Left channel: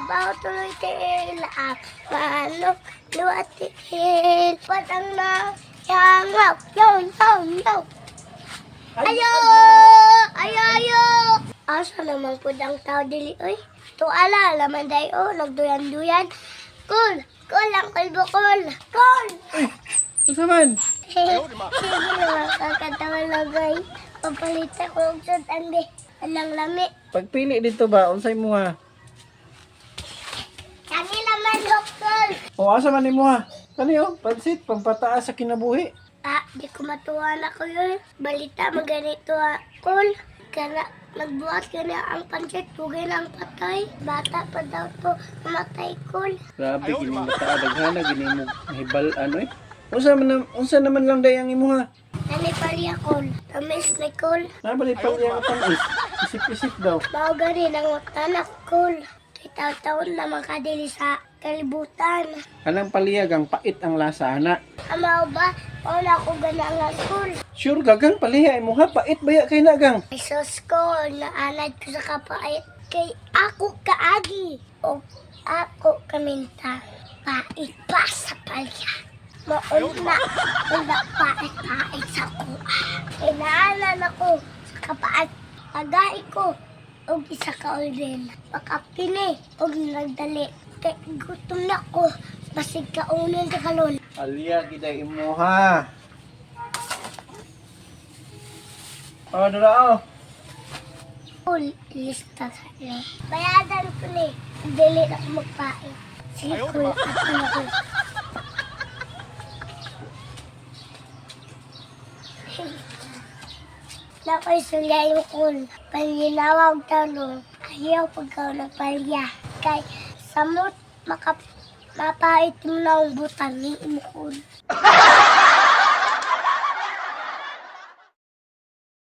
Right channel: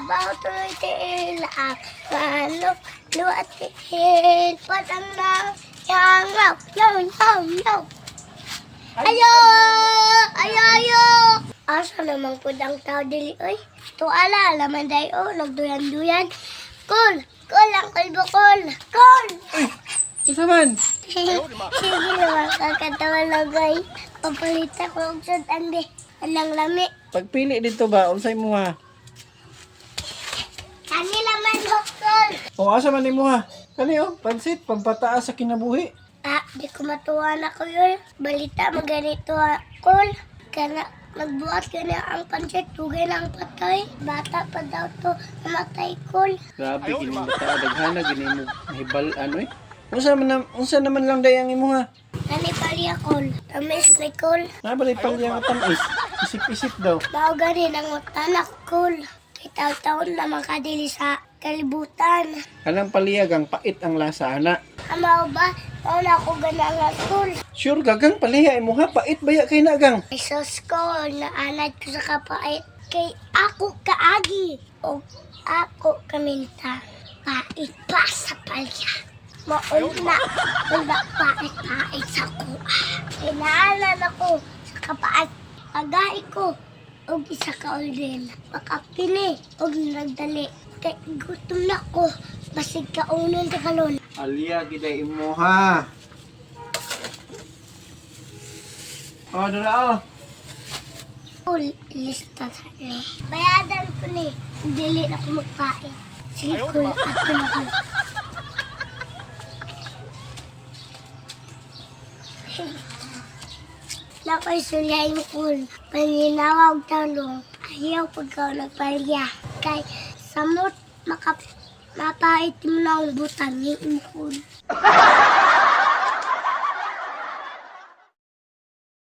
Sabaw tuloy tiil ang manok, luwat tiil. Patang na yangaw, yo. Ayo! Ayo! Asa naman po ang tao dili, oy? Tuala, laman day, oh, nagduyan-duyan. Cool ang kalbo, cool. Asa man? Sige naman, kakatawa lagay. Papalita ko ang sutang di. Alang lami. Pagpili dito ba, unsay mo ha? Kanila man, doktor. O asa man nimo ha? Kani oh, pansit, pampataas sa kinabuhi. Di ko matuwa na ko yun. Balita, maganito cool. Kana, magbuhat ka na ang pansit, tugay na ang patay. Bata pa daw to, namatay cool. Grabe, gini mo daghana, gini mo hibal, ano eh. Unsa naman lang day ang imo ha? Nani paliya cool. Tamis na cool. Nabali pang yang tamis. Isip-isip daw. Bao gani ng utanak cool. Kay taon na makadili sa kalibutan. Kanang paliyag ang pait ang lasa ana. Amaw ba? Wala ko gana nga cool. Sure gagang paliha imo ha, pait baya kay nagang. Ay sus ko, naanad ko sa kapait. Kay ako kaagi. O ako kaminta. Pait pa sa palya. Mauna pait sa kuha. Inaanan ako sa kapait. Pagay ko. Og isa ka ulit. Makapini. Og nagdali. Kay gutom na ko. Basig ka unan ka kalon. Aliya giday imo ha. Oh, dara oh. Full lista sa ni. Bayadan ko ni. Dili na ako magpait. Sige ko at na ko. Nakoy sulya yung kul. Paninawag talong. Ayaw pagkaw nagpalya. Kay samot mapait mo na ang butang ni imukul.